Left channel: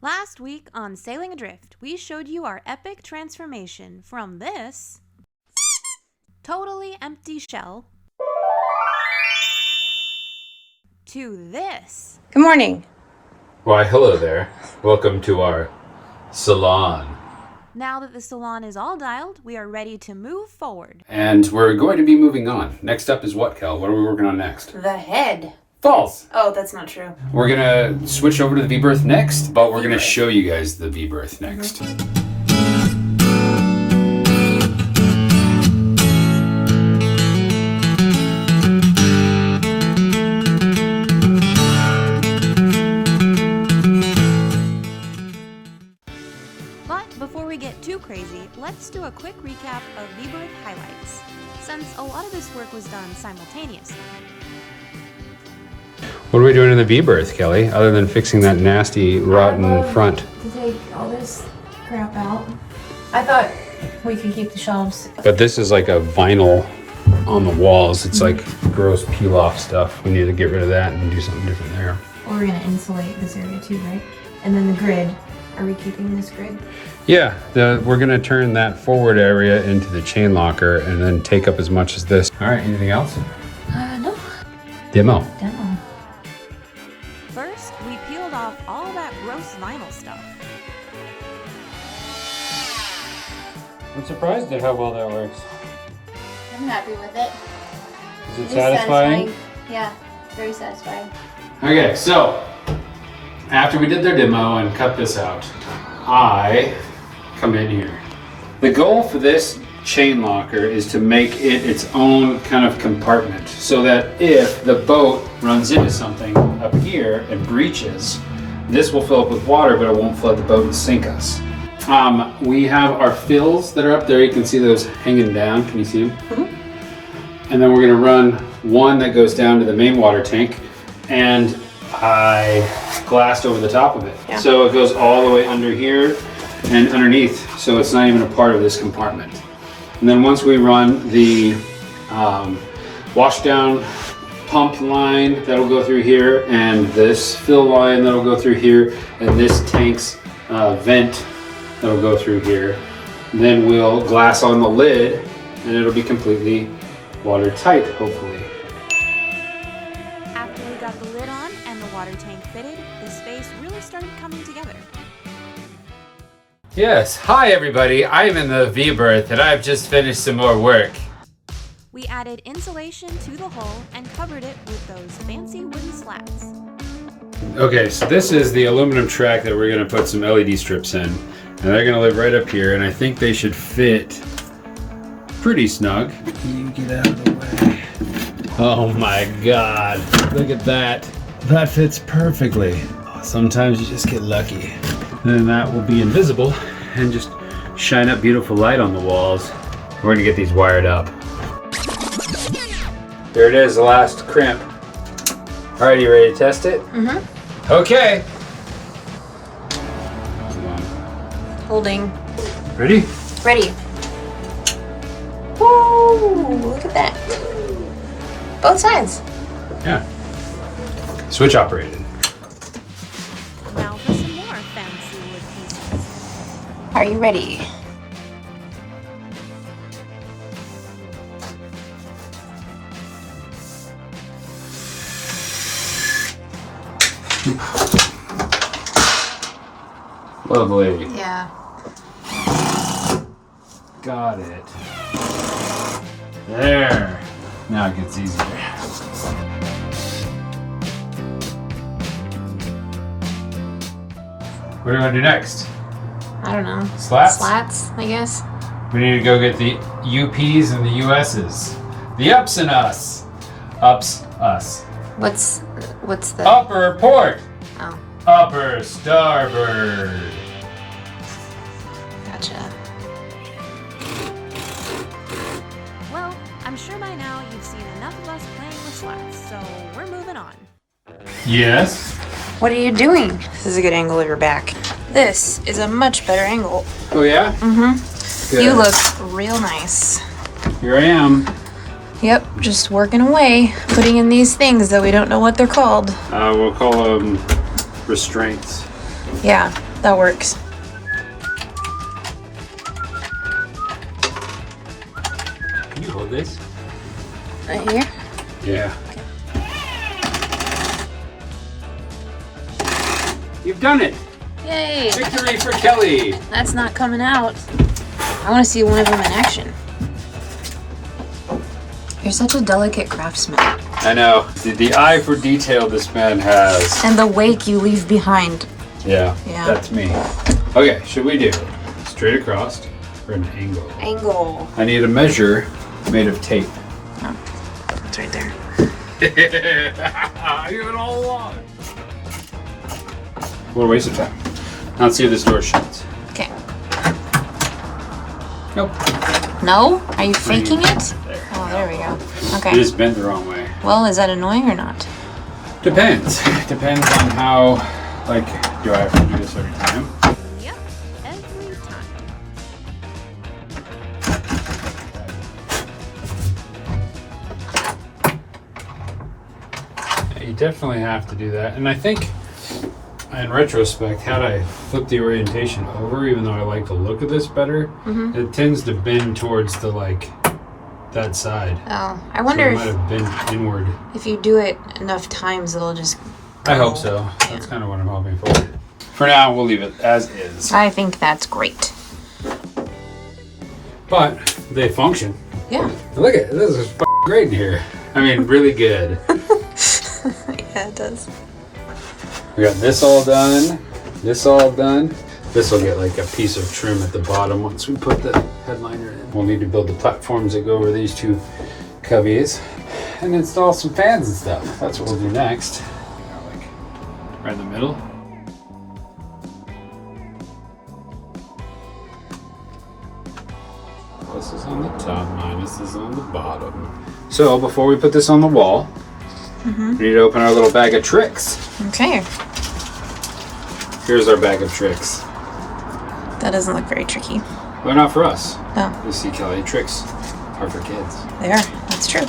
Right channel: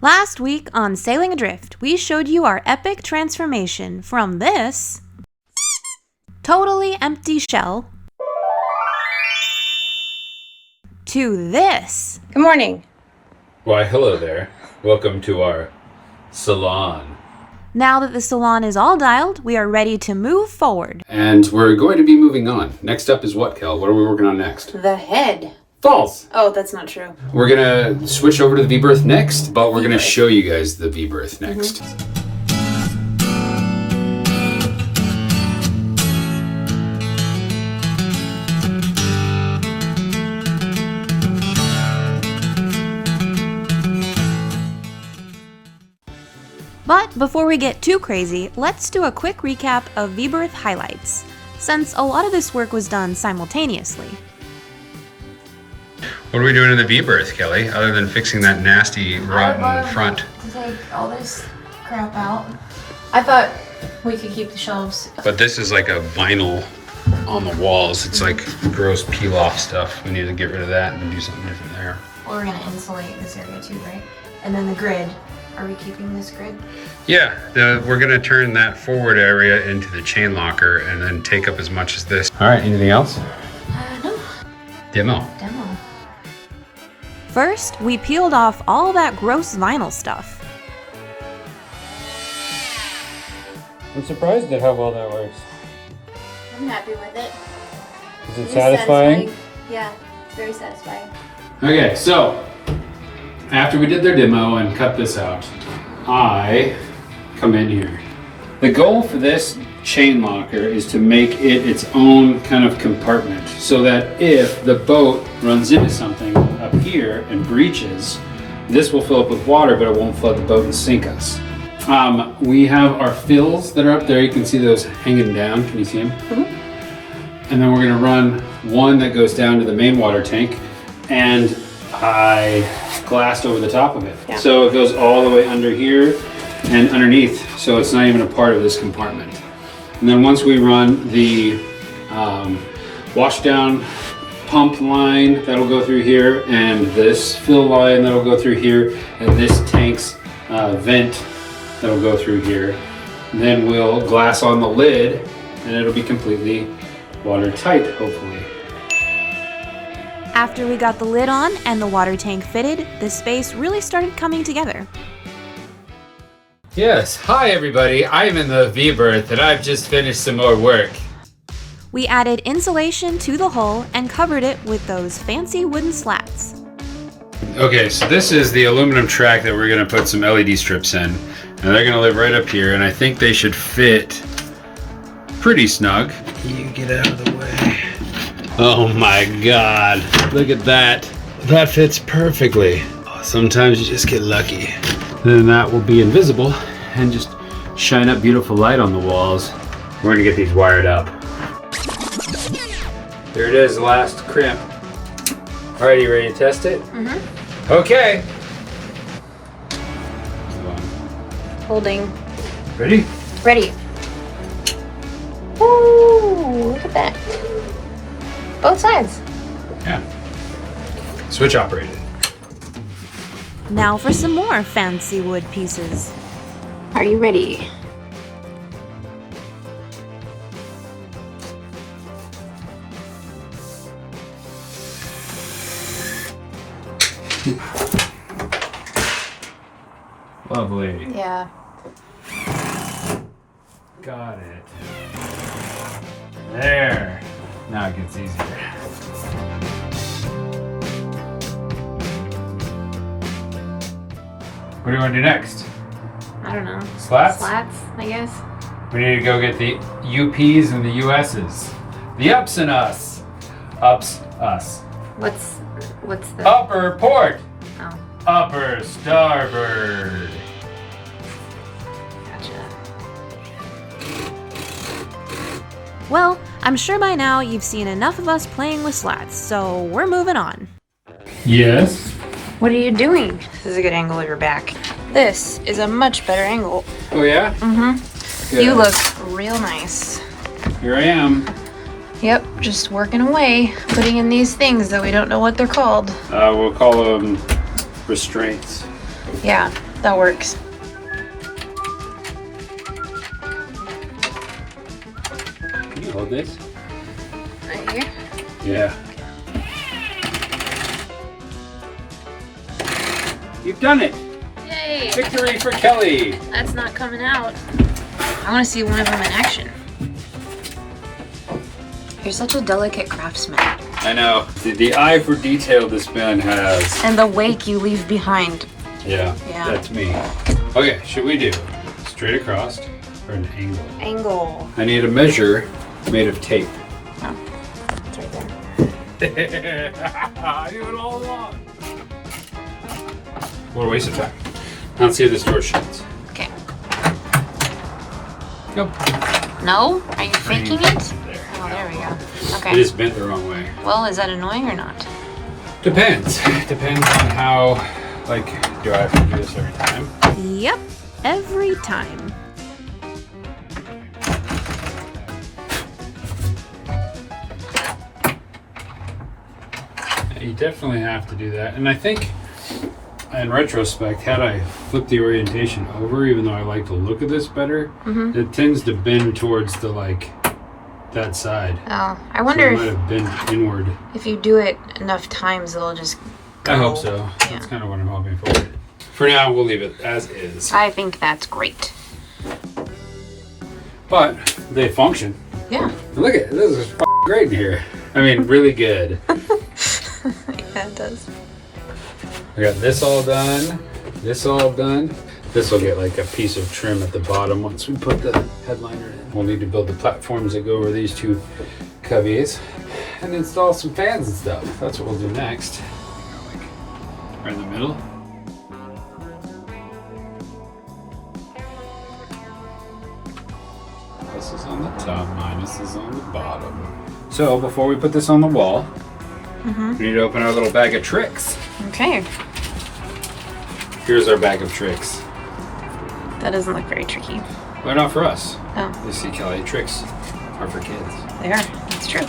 Last week on Sailing Adrift, we showed you our epic transformation from this totally empty shell to this. Good morning. Why, hello there. Welcome to our salon. Now that the salon is all dialed, we are ready to move forward. And we're going to be moving on. Next up is what, Kel? What are we working on next? The head. False. Oh, that's not true. We're going to switch over to the V-Berth next, but we're going to show you guys the V-Berth next. But before we get too crazy, let's do a quick recap of V-Berth highlights, since a lot of this work was done simultaneously. What are we doing in the V-Berth, Kelly, other than fixing that nasty, rotten front? To take all this crap out. I thought we could keep the shelves. But this is like a vinyl on the walls. It's like gross peel-off stuff. We need to get rid of that and do something different there. We're gonna insulate this area too, right? And then the grid. Are we keeping this grid? Yeah, we're gonna turn that forward area into the chain locker and then take up as much as this. All right, anything else? No. Demo. First, we peeled off all that gross vinyl stuff. I'm surprised at how well that works. I'm happy with it. Is it satisfying? Yeah, very satisfying. Okay, so after we did their demo and cut this out, I come in here. The goal for this chain locker is to make it its own kind of compartment so that if the boat runs into something up here and breaches, this will fill up with water, but it won't flood the boat and sink us. We have our fills that are up there. You can see those hanging down. Can you see them? Mm-hmm. And then we're gonna run one that goes down to the main water tank, and I glassed over the top of it. Yeah. So it goes all the way under here and underneath, so it's not even a part of this compartment. And then once we run the wash down pump line, that'll go through here, and this fill line that'll go through here, and this tank's vent that'll go through here. And then we'll glass on the lid, and it'll be completely watertight, hopefully. After we got the lid on and the water tank fitted, the space really started coming together. Yes, hi everybody, I'm in the V-Berth and I've just finished some more work. We added insulation to the hull and covered it with those fancy wooden slats. Okay, so this is the aluminum track that we're gonna put some LED strips in. And they're gonna live right up here, and I think they should fit pretty snug. You get out of the way. Oh my God, look at that. That fits perfectly. Sometimes you just get lucky. And then that will be invisible and just shine up beautiful light on the walls. We're gonna get these wired up. There it is, the last crimp. All right, you ready to test it? Mm-hmm. Okay. Holding. Ready? Ready. Woo! Look at that. Both sides. Yeah. Switch operated. Now for some more fancy wood pieces. Are you ready? Lovely. Yeah. Got it. There. Now it gets easier. What do you want to do next? I don't know. Slats? Slats, I guess. We need to go get the UPs and the USs. The ups and us. Ups, us. What's the Upper port. Oh, Upper starboard. gotcha. Well, I'm sure by now you've seen enough of us playing with slats, so we're moving on. Yes. What are you doing? This is a good angle of your back. This is a much better angle. Oh yeah? Mm-hmm. Good. You look real nice. Here I am. Yep, just working away, putting in these things that we don't know what they're called. We'll call them restraints. Yeah, That works. Can you hold this? Right here? Yeah. You've done it! Yay! Victory for Kelly! That's not coming out. I want to see one of them in action. You're such a delicate craftsman. I know. The eye for detail this man has. And the wake you leave behind. Yeah, Yeah. that's me. Okay, should we do straight across or an angle? Angle. I need a measure made of tape. Oh, it's right there. You have it all along. What a waste of time. Let's see if this door shuts. Okay. Nope. No? Are you faking it? Oh, there we go. It Okay. is bent the wrong way. Well, is that annoying or not? Depends. Depends on how, like, do I have to do this every time? Yep, every time. You definitely have to do that. And I think, in retrospect, had I flipped the orientation over, even though I like the look of this better, it tends to bend towards the, like, that side. Oh, I So wonder it might have bent inward. if you do it enough times, it'll just go. I hope so. That's kind of what I'm hoping for. For now, we'll leave it as is. I think that's great. But they function. Yeah. Look at this is great in here. I mean, really good. Yeah, it does. We got this all done. This all done. This will get like a piece of trim at the bottom once we put the headliner in. We'll need to build the platforms that go over these two cubbies and install some fans and stuff. That's what we'll do next. Like right in the middle. Plus is on the top, minus is on the bottom. So before we put this on the wall, we need to open our little bag of tricks. Okay. Here's our bag of tricks. That doesn't look very tricky. They're not for us. Oh, You see, Kelly, tricks are for kids. they are. That's true.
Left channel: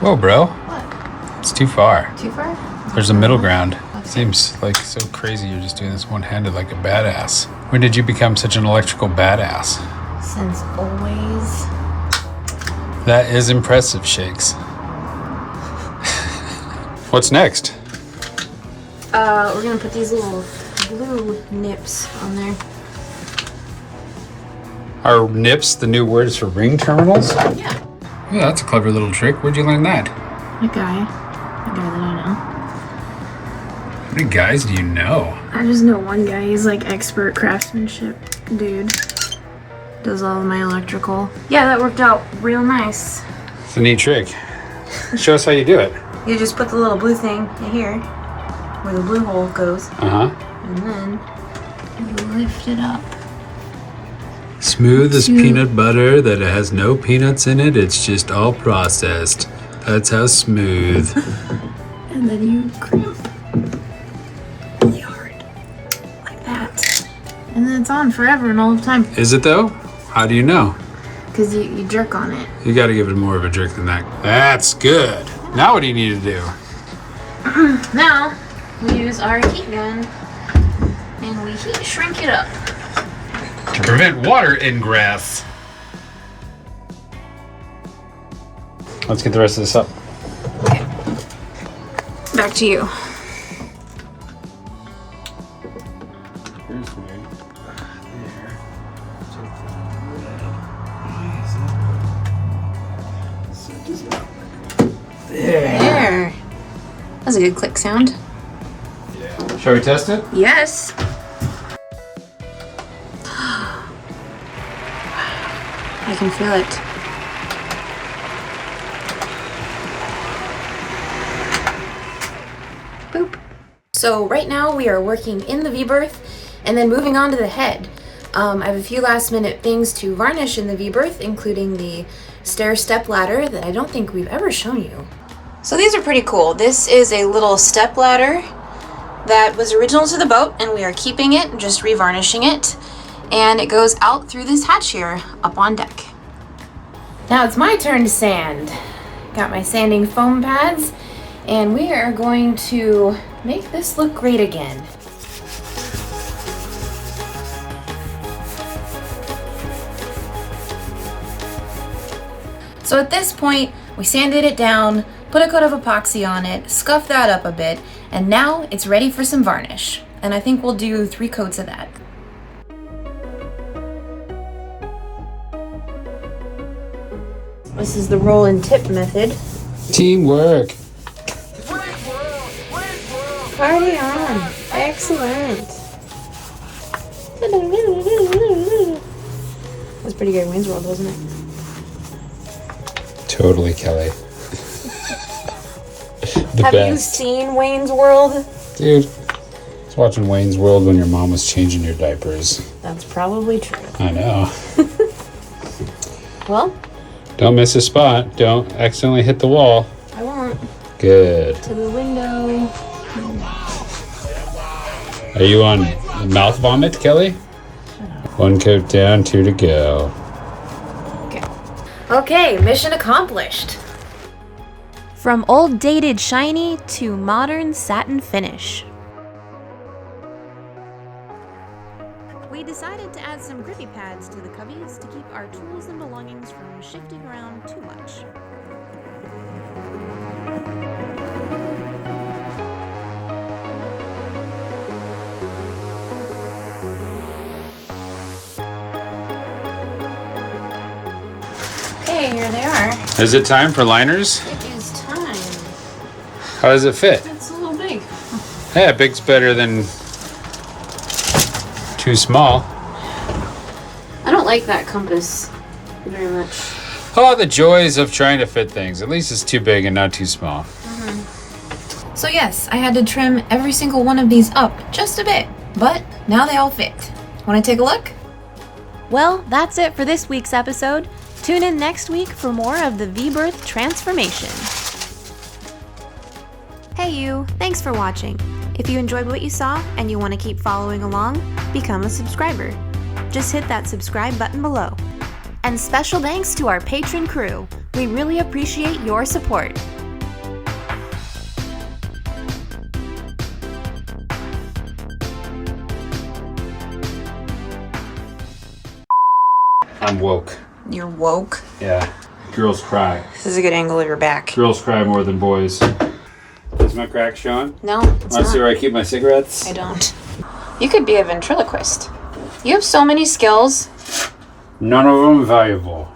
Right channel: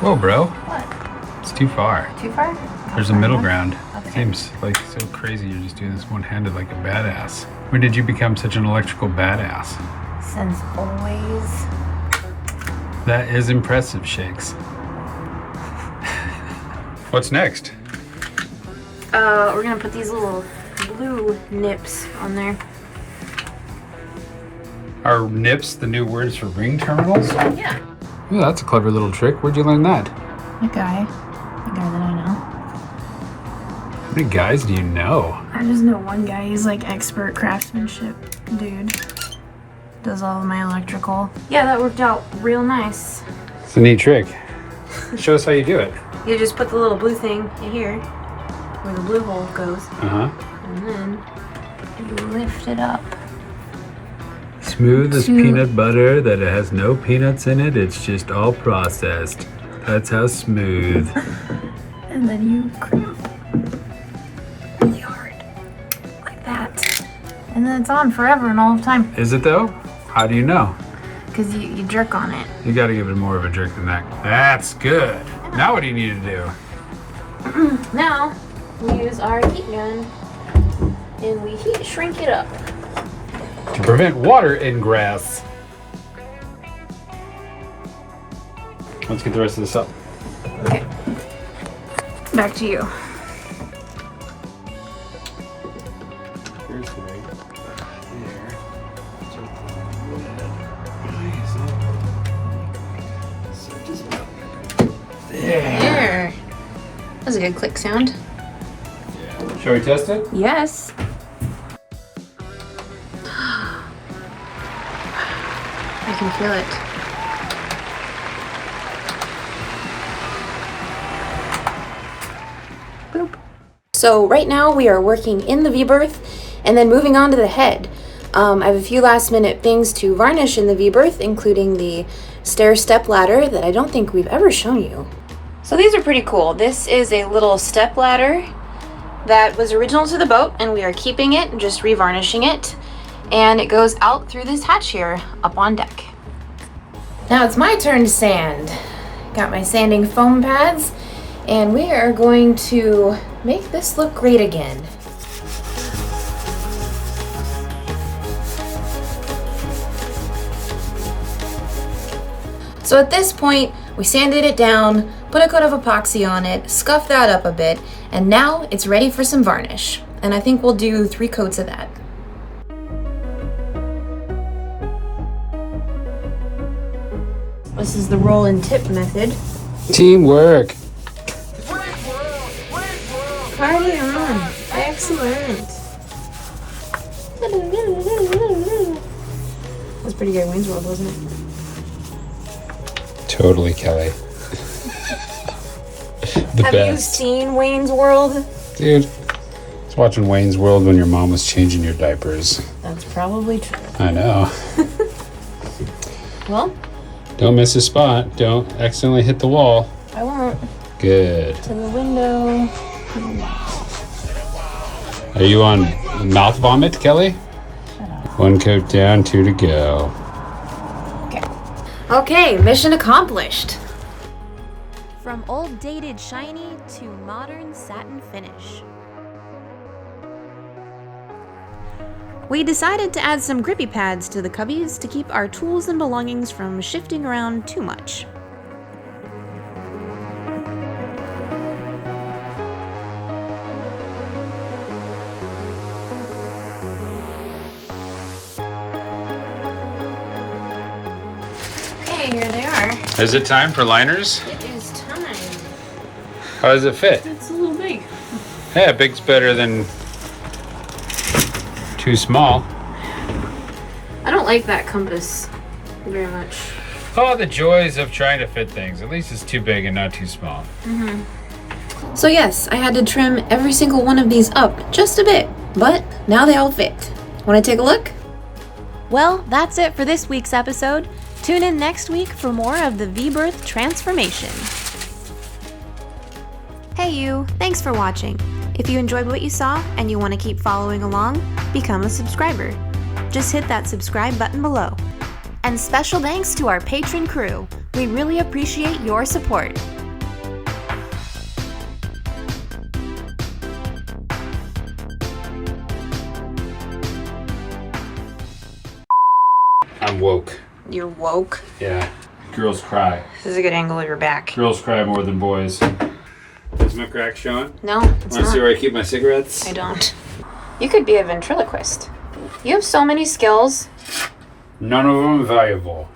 Whoa, bro. What? It's too far. Too far? There's a middle ground. Okay. Seems like so crazy you're just doing this one-handed like a badass. When did you become such an electrical badass? Since always. That is impressive, Shakes. What's next? We're gonna put these little blue nips on there. Are nips the new words for ring terminals? Yeah. Oh, that's a clever little trick. Where'd you learn that? A guy. I don't really know. How many guys do you know? I just know one guy. He's like expert craftsmanship dude. Does all of my electrical. Yeah, that worked out real nice. It's a neat trick. Show us how you do it. You just put the little blue thing in here, where the blue hole goes, Uh-huh. and then you lift it up. Smooth as peanut butter that it has no peanuts in it. It's just all processed. That's how smooth. And then you crimp yard like that. And then it's on forever and all the time. Is it though? How do you know? Because you jerk on it. You got to give it more of a jerk than that. That's good. Now what do you need to do? Now, we use our heat gun and we heat shrink it up. To prevent water ingress. Let's get the rest of this up. Okay. Back to you. There. That was a good click sound. Shall we test it? Yes. I can feel it. Boop. So right now we are working in the V-Berth and then moving on to the head. I have a few last minute things to varnish in the V-Berth, including the stair step ladder that I don't think we've ever shown you. So these are pretty cool. This is a little step ladder that was original to the boat and we are keeping it, just revarnishing it. And it goes out through this hatch here up on deck. Now it's my turn to sand. Got my sanding foam pads and we are going to make this look great again. So at this point, we sanded it down, put a coat of epoxy on it, scuffed that up a bit, and now it's ready for some varnish. And I think we'll do 3 coats of that. This is the roll and tip method. Teamwork. Party on. Excellent. That's pretty good Wayne's World, wasn't it? Totally, Kelly. Have you seen Wayne's World? Dude, I was watching Wayne's World when your mom was changing your diapers. That's probably true. I know. Well, Don't miss a spot. Don't accidentally hit the wall. I won't. Good. To the window. Are you on mouth vomit, Kelly? 1 coat down, 2 to go. Okay, mission accomplished. From old dated shiny to modern satin finish. We decided to add some grippy pads to the cubbies to keep our tools and belongings from shifting around too much. Okay, here they are. Is it time for liners? It is time. How does it fit? It's a little big. Yeah, big's better than too small. I don't like that compass very much. Oh, the joys of trying to fit things. At least it's too big and not too small. So yes, I had to trim every single one of these up just a bit, but now they all fit. Want to take a look? Well, that's it for this week's episode. Tune in next week for more of the V-Berth transformation. Hey you, thanks for watching. If you enjoyed what you saw and you want to keep following along, become a subscriber. Just hit that subscribe button below. And special thanks to our patron crew. We really appreciate your support. I'm woke. You're woke. Yeah. Girls cry. This is a good angle of your back. Girls cry more than boys. Is my crack showing? No, it's Want to see not. where I keep my cigarettes? I don't. You could be a ventriloquist. You have so many skills. None of them valuable.